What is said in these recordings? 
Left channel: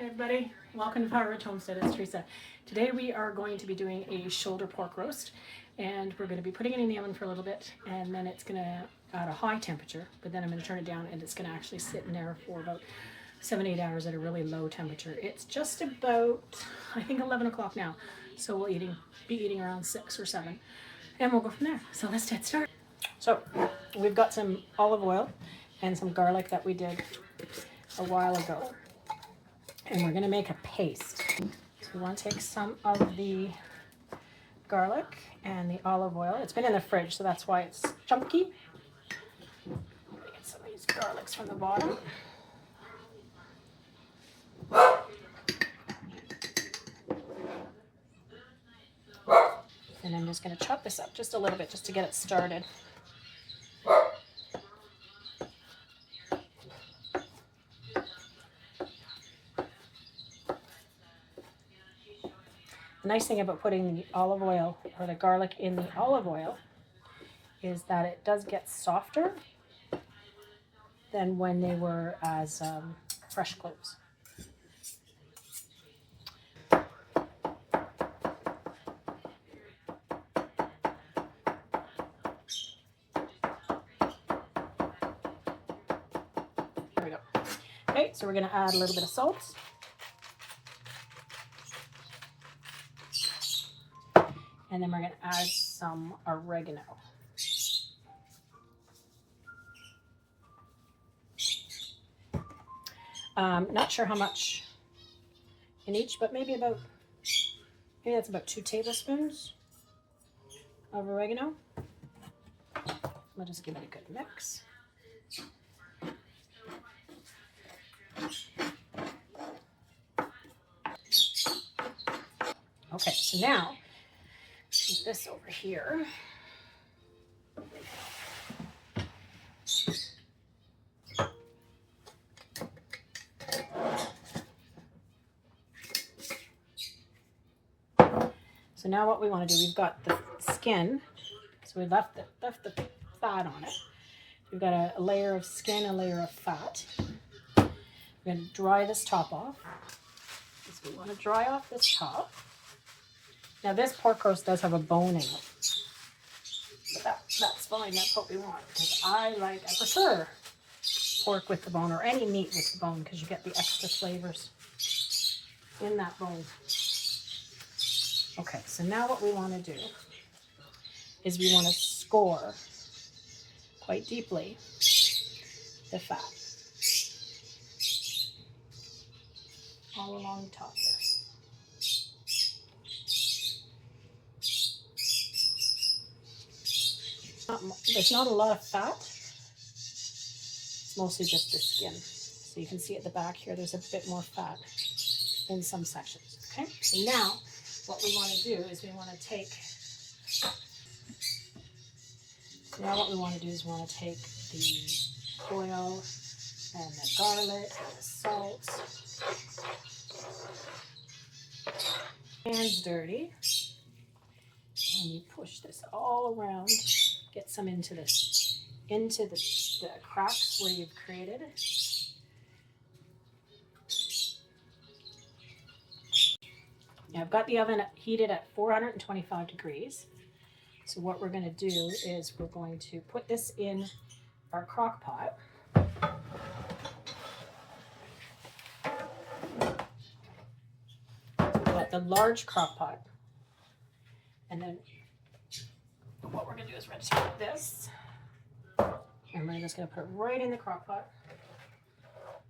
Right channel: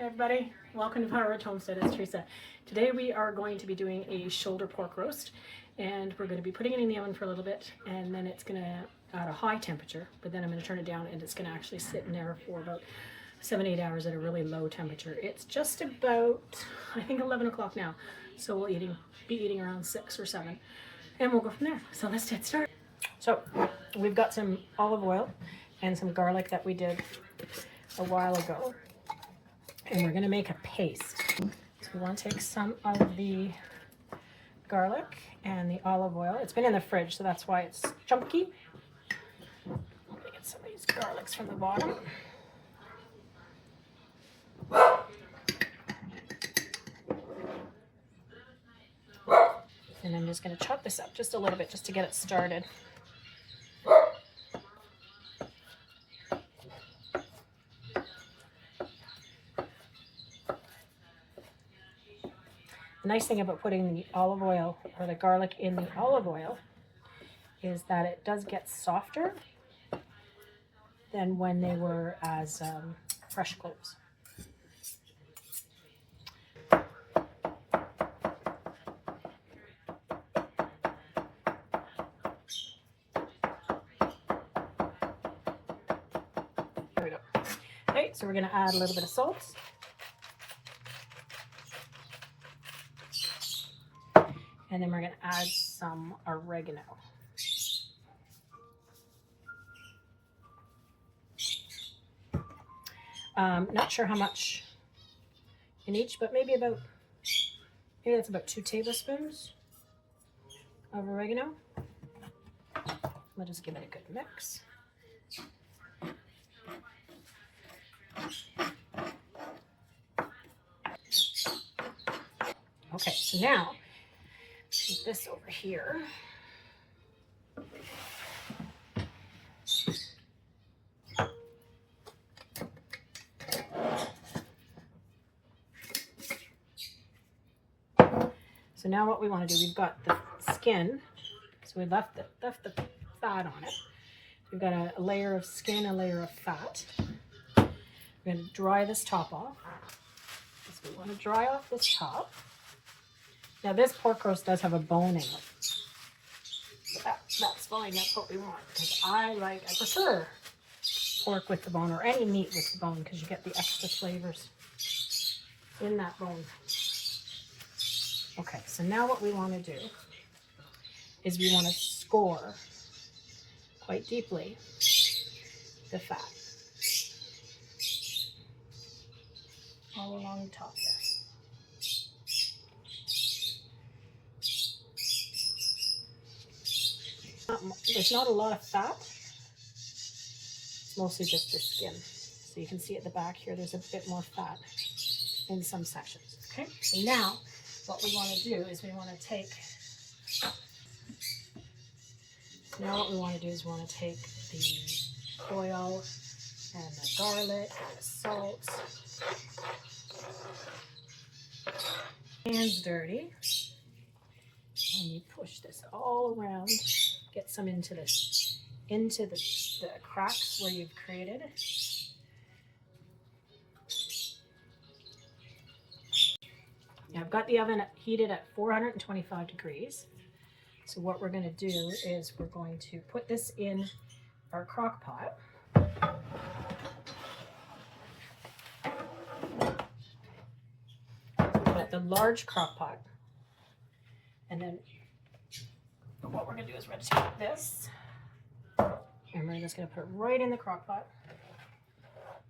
Hey everybody, welcome to Power Rich Homestead. It's Teresa. Today we are going to be doing a shoulder pork roast, and we're going to be putting it in the oven for a little bit, and then it's going to at a high temperature, but then I'm going to turn it down and it's going to actually sit in there for about 7-8 hours at a really low temperature. It's just about, I think, 11 o'clock now, so we'll be eating around 6 or 7, and we'll go from there. So let's get started. So we've got some olive oil and some garlic that we did a while ago, and we're going to make a paste. So we want to take some of the garlic and the olive oil. It's been in the fridge, so that's why it's chunky. I'm going to get some of these garlics from the bottom. And I'm just going to chop this up just a little bit just to get it started. The nice thing about putting the olive oil or the garlic in the olive oil is that it does get softer than when they were as fresh cloves. There we go. Okay, so we're going to add a little bit of salt. And then we're going to add some oregano. Not sure how much in each, but maybe that's about 2 tablespoons of oregano. We'll just give it a good mix. Okay, so now put this over here. So now what we want to do, we've got the skin, so we left the fat on it. We've got a layer of skin, a layer of fat. We're going to dry this top off. So we want to dry off this top. Now this pork roast does have a bone in it, but that's fine. That's what we want, because I prefer pork with the bone, or any meat with the bone, because you get the extra flavors in that bone. Okay, so now what we want to do is we want to score quite deeply the fat all along the top there. There's not a lot of fat. It's mostly just the skin. So you can see at the back here, there's a bit more fat in some sections. Okay, so now what we want to do is we want to take the oil and the garlic and the salt. Hands dirty. And you push this all around. Get some into the cracks where you've created. Now I've got the oven heated at 425 degrees. So what we're going to do is we're going to put this in our crock pot. Put the large crock pot. And then what we're going to do is we're going to take this, and we're just going to put it right in the crock pot.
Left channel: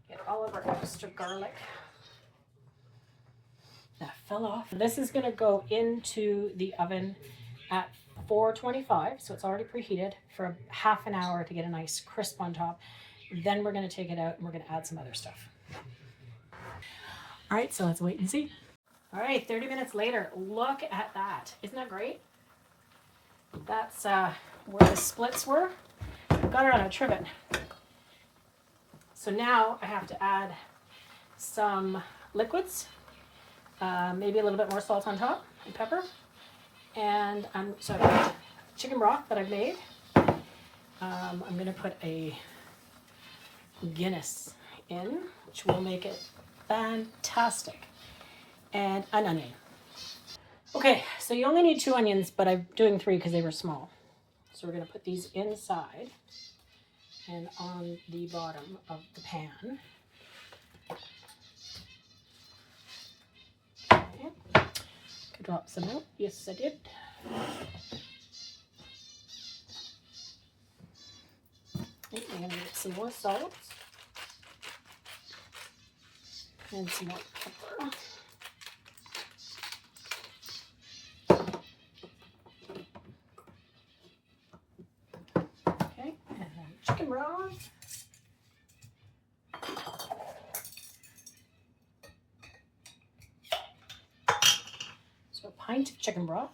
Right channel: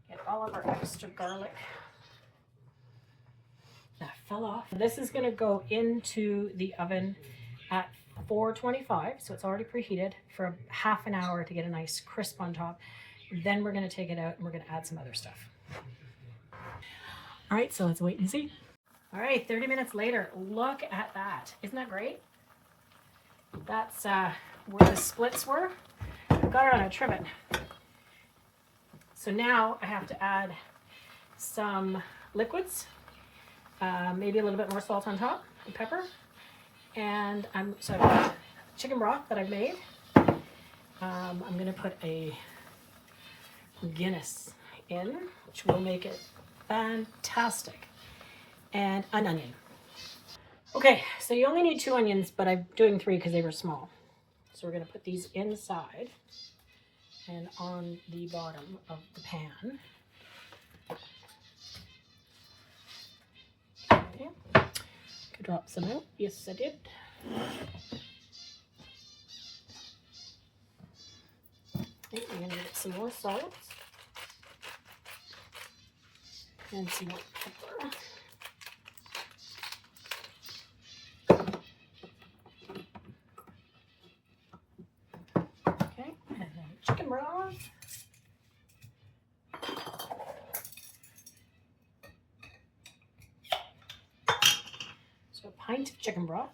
Get all of our extra garlic that fell off. This is going to go into the oven at 425, so it's already preheated, for half an hour to get a nice crisp on top. Then we're going to take it out and we're going to add some other stuff. All right, so let's wait and see. All right, 30 minutes later, look at that. Isn't that great? That's where the splits were. I've got it on a trivet. So now I have to add some liquids, maybe a little bit more salt on top and pepper. And so I've got chicken broth that I've made. I'm going to put a Guinness in, which will make it fantastic. And an onion. Okay, so you only need 2 onions, but I'm doing 3 because they were small. So we're going to put these inside and on the bottom of the pan. Okay. Could drop some out. Yes, I did. Okay, I'm going to get some more salt and some more pepper. Okay, and then chicken broth. So a pint of chicken broth.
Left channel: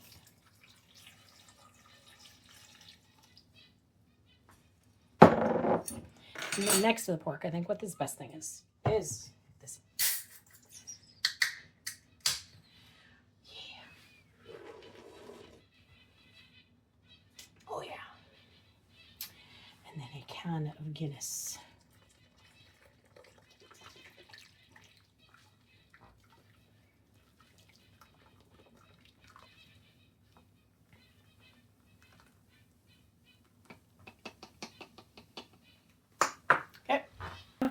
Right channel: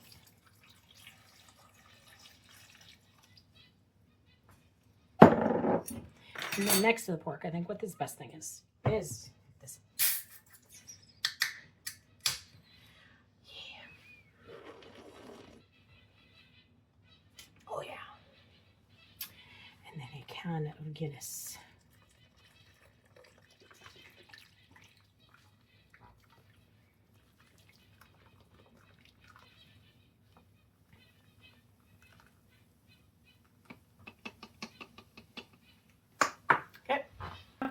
And then next to the pork, I think what this best thing is this. Yeah. Oh yeah. And then a can of Guinness.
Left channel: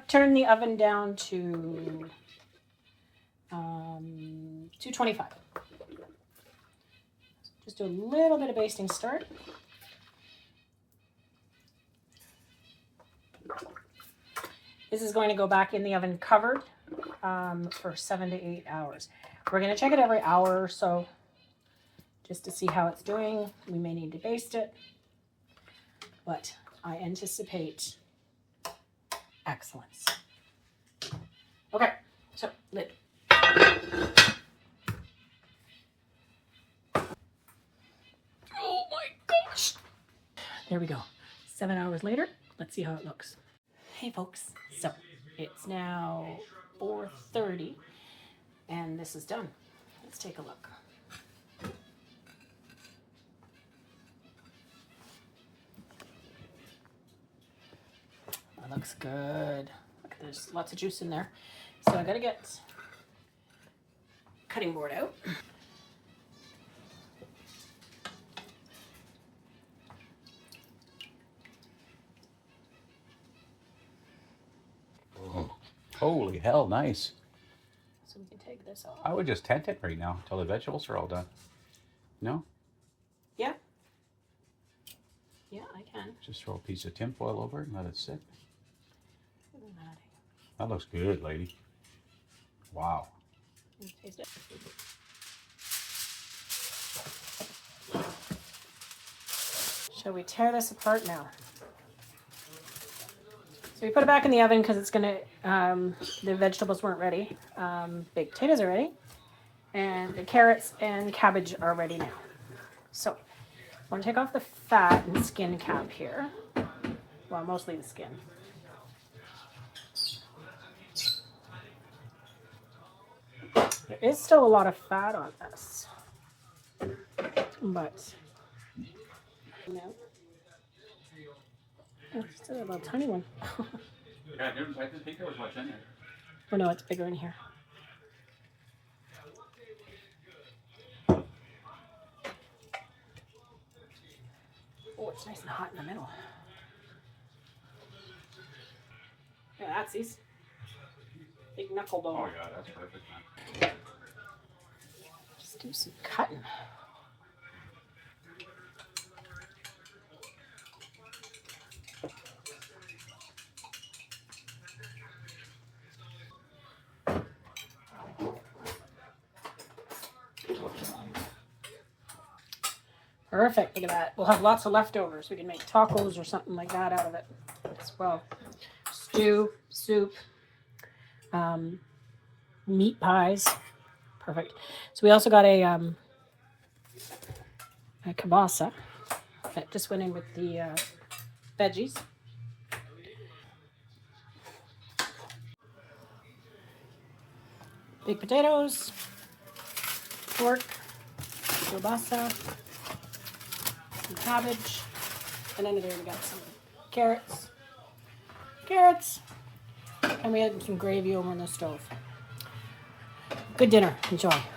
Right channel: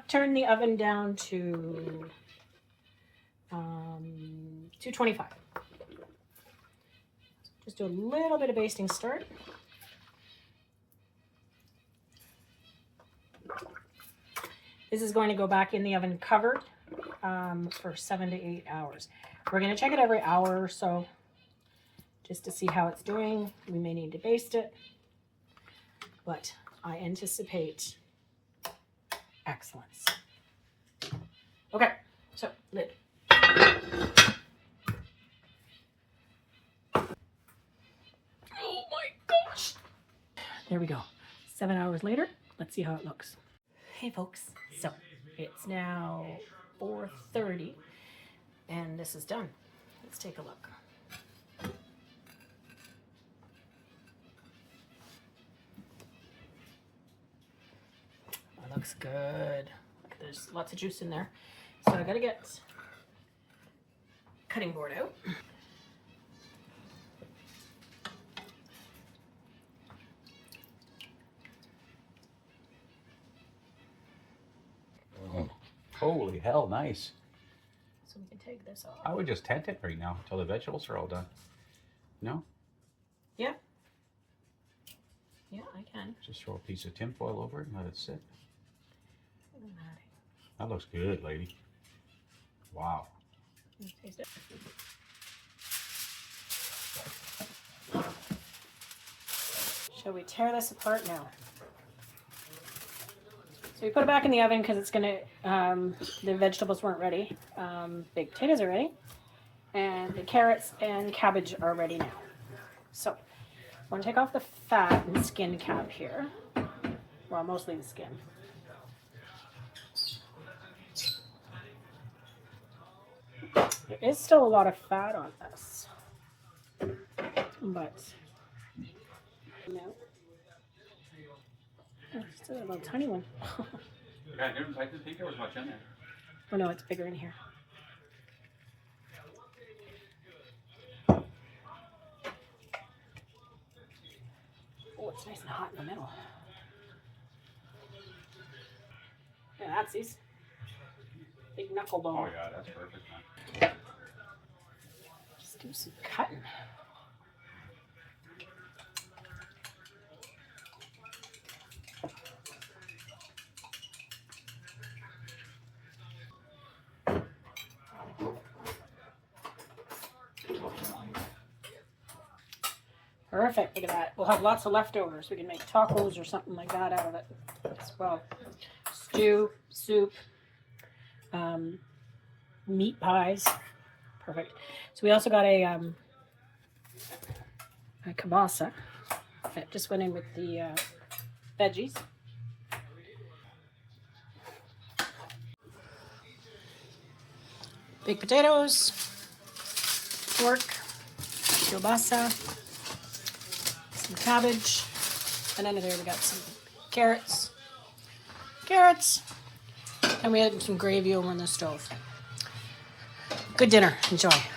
Turn the oven down to 225. Just do a little bit of basting start. This is going to go back in the oven covered for 7 to 8 hours. We're going to check it every hour or so just to see how it's doing. We may need to baste it, but I anticipate excellence. Okay, so lid. Oh my gosh. There we go. 7 hours later, let's see how it looks. Hey folks, so it's now 4:30 and this is done. Let's take a look. That looks good. There's lots of juice in there. So I gotta get cutting board out. Oh, holy hell, nice. So we can take this off. I would just tent it right now until the vegetables are all done. No? Yeah. Yeah, I can. Just throw a piece of tinfoil over it and let it sit. Look at that. That looks good, lady. Wow. Taste it. Shall we tear this apart now? So we put it back in the oven because it's gonna, the vegetables weren't ready. Baked potatoes are ready. And the carrots and cabbage are ready now. So I'm gonna take off the fat and skin cap here. Well, mostly the skin. There is still a lot of fat on this, but no. Oh, still a little tiny one. Yeah, I didn't think there was much in there. Oh no, it's bigger in here. Oh, it's nice and hot in the middle. Yeah, that's these big knuckle bone. Oh yeah, that's perfect, man. Just do some cutting. Perfect, look at that. We'll have lots of leftovers. We can make tacos or something like that out of it as well. Stew, soup, meat pies. Perfect. So we also got a kielbasa that just went in with the veggies. Baked potatoes, pork, kielbasa, some cabbage, and under there we got some carrots, and we had some gravy over on the stove. Good dinner. Enjoy.